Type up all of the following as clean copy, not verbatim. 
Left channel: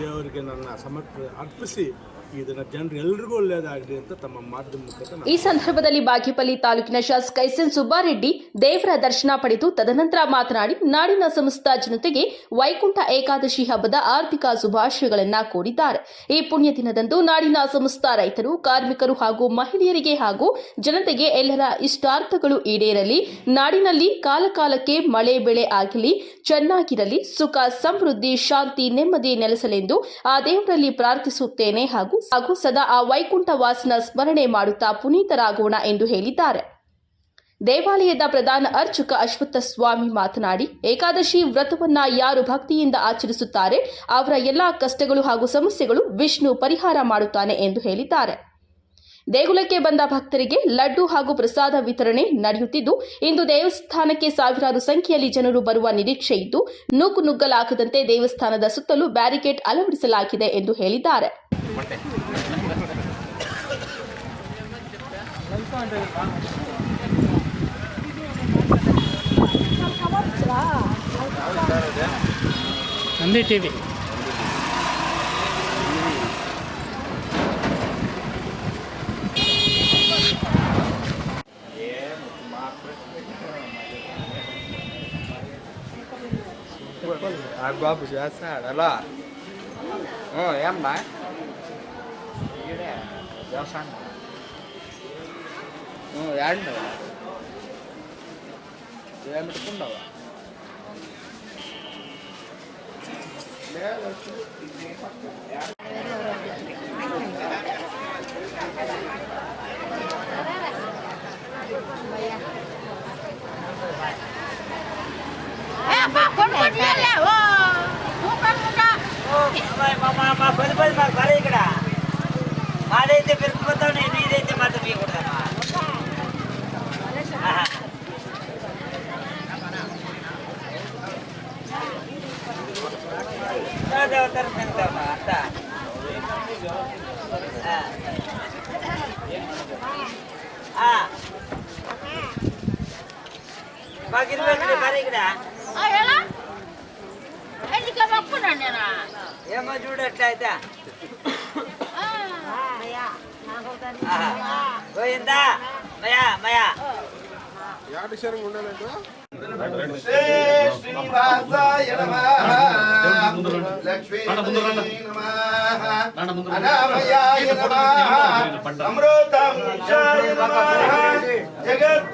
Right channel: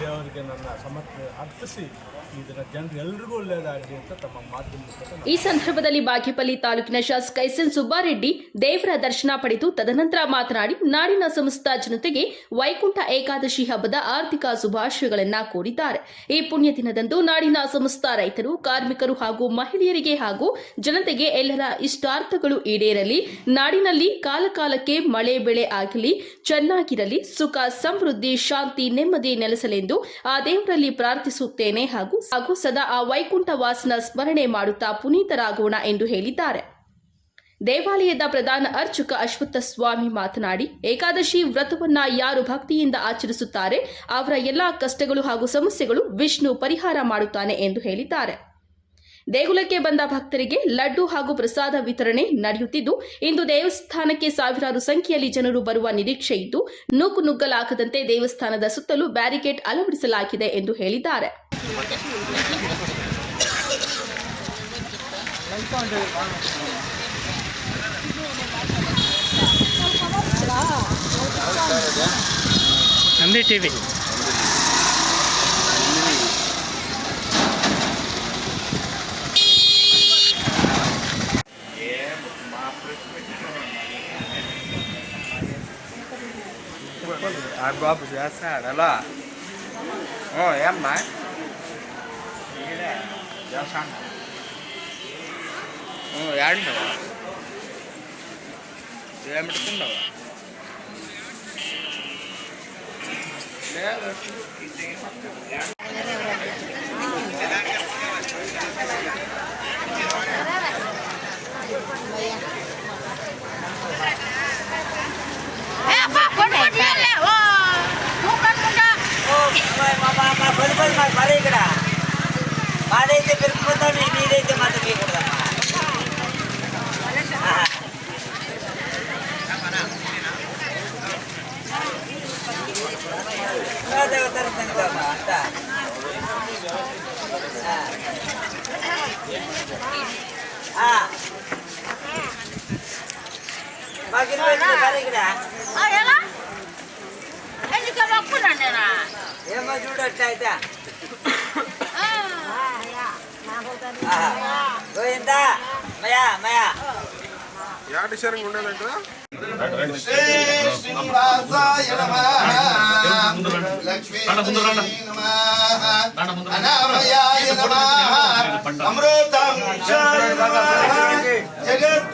ದೇವರಿಗೆ ನನ್ನ ಸಮರ್ಪಣೆ ಅರ್ಪಿಸಿ ಇದನ್ನು ಜನರು ಎಲ್ರಿಗೂ ಒಳ್ಳೆಯದಾಗಲಿ ಅಂತ ತಮ್ಮ ಮಾಧ್ಯಮ ಮುಖಾಂತರ ಈ ಸಂದರ್ಭದಲ್ಲಿ ಬಾಗೇಪಲ್ಲಿ ತಾಲೂಕಿನ ಶಾಸಕ ಎಸ್.ಎನ್. ಸುಬ್ಬಾರೆಡ್ಡಿ ದೇವರ ದರ್ಶನ ಪಡೆದು ತದನಂತರ ಮಾತನಾಡಿ ನಾಡಿನ ಸಮಸ್ತ ಜನತೆಗೆ ವೈಕುಂಠ ಏಕಾದಶಿ ಹಬ್ಬದ ಆರ್ಥಿಕ ಶುಭಾಶಯಗಳನ್ನು ಕೋರಿದ್ದಾರೆ. ಈ ಪುಣ್ಯ ದಿನದಂದು ನಾಡಿನ ಸಮಸ್ತ ರೈತರು, ಕಾರ್ಮಿಕರು ಹಾಗೂ ಮಹಿಳೆಯರಿಗೆ ಹಾಗೂ ಜನತೆಗೆ ಎಲ್ಲರ ಇಷ್ಟಾರ್ಥಗಳು ಈಡೇರಲಿ, ನಾಡಿನಲ್ಲಿ ಕಾಲಕಾಲಕ್ಕೆ ಮಳೆ ಬೆಳೆ ಆಗಲಿ, ಚೆನ್ನಾಗಿರಲಿ, ಸುಖ ಸಮೃದ್ಧಿ ಶಾಂತಿ ನೆಮ್ಮದಿ ನೆಲೆಸಲೆಂದು ಆ ದೇವರಲ್ಲಿ ಪ್ರಾರ್ಥಿಸುತ್ತೇನೆ ಹಾಗೂ ಸದಾ ಆ ವೈಕುಂಠ ವಾಸನ ಸ್ಮರಣೆ ಮಾಡುತ್ತಾ ಪುನೀತರಾಗೋಣ ಎಂದು ಹೇಳಿದ್ದಾರೆ. ದೇವಾಲಯದ ಪ್ರಧಾನ ಅರ್ಚಕ ಅಶ್ವತ್ಥ ಸ್ವಾಮಿ ಮಾತನಾಡಿ, ಏಕಾದಶಿ ವ್ರತವನ್ನ ಯಾರು ಭಕ್ತಿಯಿಂದ ಆಚರಿಸುತ್ತಾರೆ ಅವರ ಎಲ್ಲಾ ಕಷ್ಟಗಳು ಹಾಗೂ ಸಮಸ್ಯೆಗಳು ವಿಷ್ಣು ಪರಿಹಾರ ಮಾಡುತ್ತಾನೆ ಎಂದು ಹೇಳಿದ್ದಾರೆ. ದೇಗುಲಕ್ಕೆ ಬಂದ ಭಕ್ತರಿಗೆ ಲಡ್ಡು ಹಾಗೂ ಪ್ರಸಾದ ವಿತರಣೆ ನಡೆಯುತ್ತಿದ್ದು, ಇಂದು ದೇವಸ್ಥಾನಕ್ಕೆ ಸಾವಿರಾರು ಸಂಖ್ಯೆಯಲ್ಲಿ ಜನರು ಬರುವ ನಿರೀಕ್ಷೆ ಇದ್ದು, ನುಗ್ಗಲಾಗದಂತೆ ದೇವಸ್ಥಾನದ ಸುತ್ತಲೂ ಬ್ಯಾರಿಕೇಡ್ ಅಳವಡಿಸಲಾಗಿದೆ ಎಂದು ಹೇಳಿದ್ದಾರೆ. ನಂದಿ ಟಿವಿ బాబు చేస్తాడు అలా ఏమ్మా చేస్తాను ఏడున్నావా ఏమిట్టుకున్నావా మరి ఇక్కడ మాదైతే పెరిగిపోతావు, నీదైతే మాత్రం తీయకూడదమ్మా. అంతా మాకు మరి ఇక్కడ ఏమో చూడట్లయితే గోవిందా మయా మయా యాటి సరంగా ఉండాలంట శ్రీనివాసాయ నమః లక్ష్మీ నమః అనామయాయ నమః అమృతాంశాయ నమః జగత్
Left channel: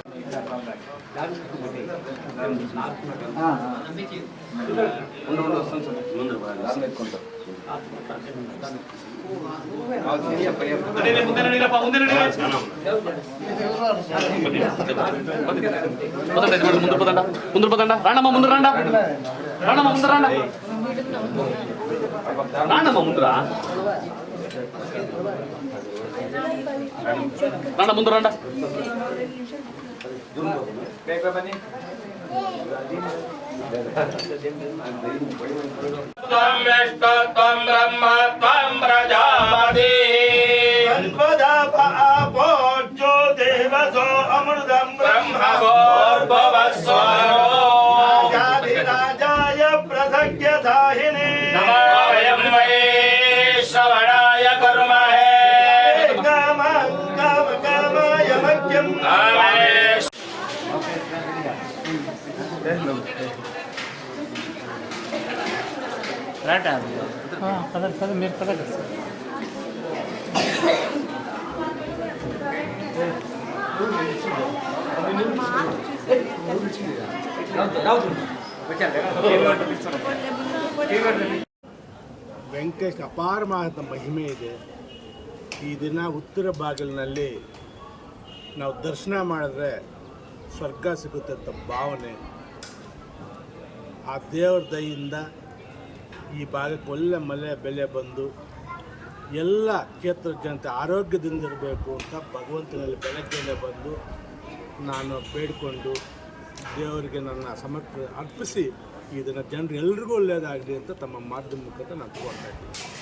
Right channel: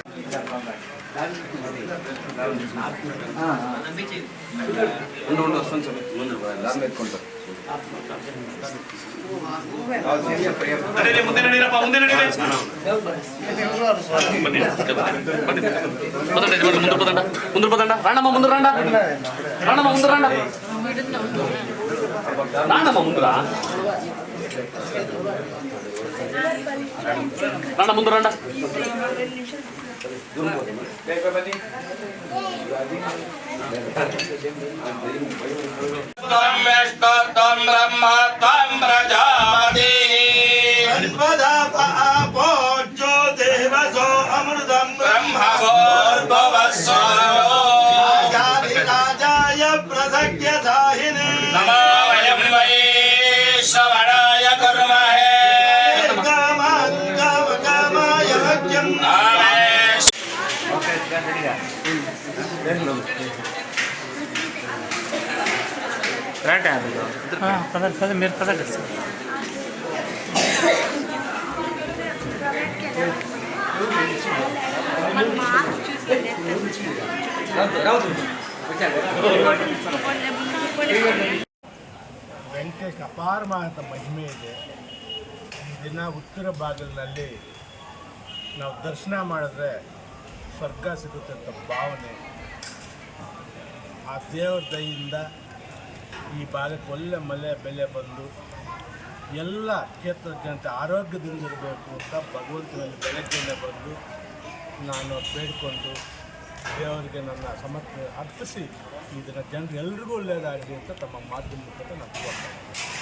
రాణమ్మ ముందు రాండా త్వం బ్రహ్మ త్వం ప్రజాపతి పూజ్యో దేవసో అమృతం బ్రహ్మభూర్భువస్సో రాజాయ ప్రసజ్ఞ సాహినే నమో వయం వై శ్రవణాయ కుర్మహే కామాయ భక్త్యం పదండి మీరు పదండి సార్. ವೆಂಕಟೇಶ್ ಅಪಾರವಾದ ಮಹಿಮೆ ಇದೆ. ಈ ದಿನ ಉತ್ತರ ಬಾಗಿಲಿನಲ್ಲಿ ನಾವು ದರ್ಶನ ಮಾಡಿದ್ರೆ ಸ್ವರ್ಗ ಸಿಗುತ್ತೆ ಅಂತ ಭಾವನೆ. ಆ ದೇವರ ದಯೆಯಿಂದ ಈ ಭಾಗಕ್ಕೆ ಒಳ್ಳೆ ಮಳೆ ಬೆಳೆ ಬಂದು ಎಲ್ಲ ಕ್ಷೇತ್ರದ ಜನತೆ ಆರೋಗ್ಯದಿಂದ ಇರಬೇಕು ಅಂತ ಭಗವಂತನಲ್ಲಿ ಬೆಳಗ್ಗೆನೇ ಬಂದು ನಾನು ಬೇಡಿಕೊಂಡು ದೇವರಿಗೆ ನನ್ನ ಸಮರ್ಪಣೆ ಅರ್ಪಿಸಿ ಇದನ್ನು ಜನರು ಎಲ್ರಿಗೂ ಒಳ್ಳೆಯದಾಗಲಿ ಅಂತ ತಮ್ಮ ಮಾಧ್ಯಮ ಮುಖಾಂತರ ನಾನು ಕೋರ್ತಾ ಇದ್ದೀನಿ.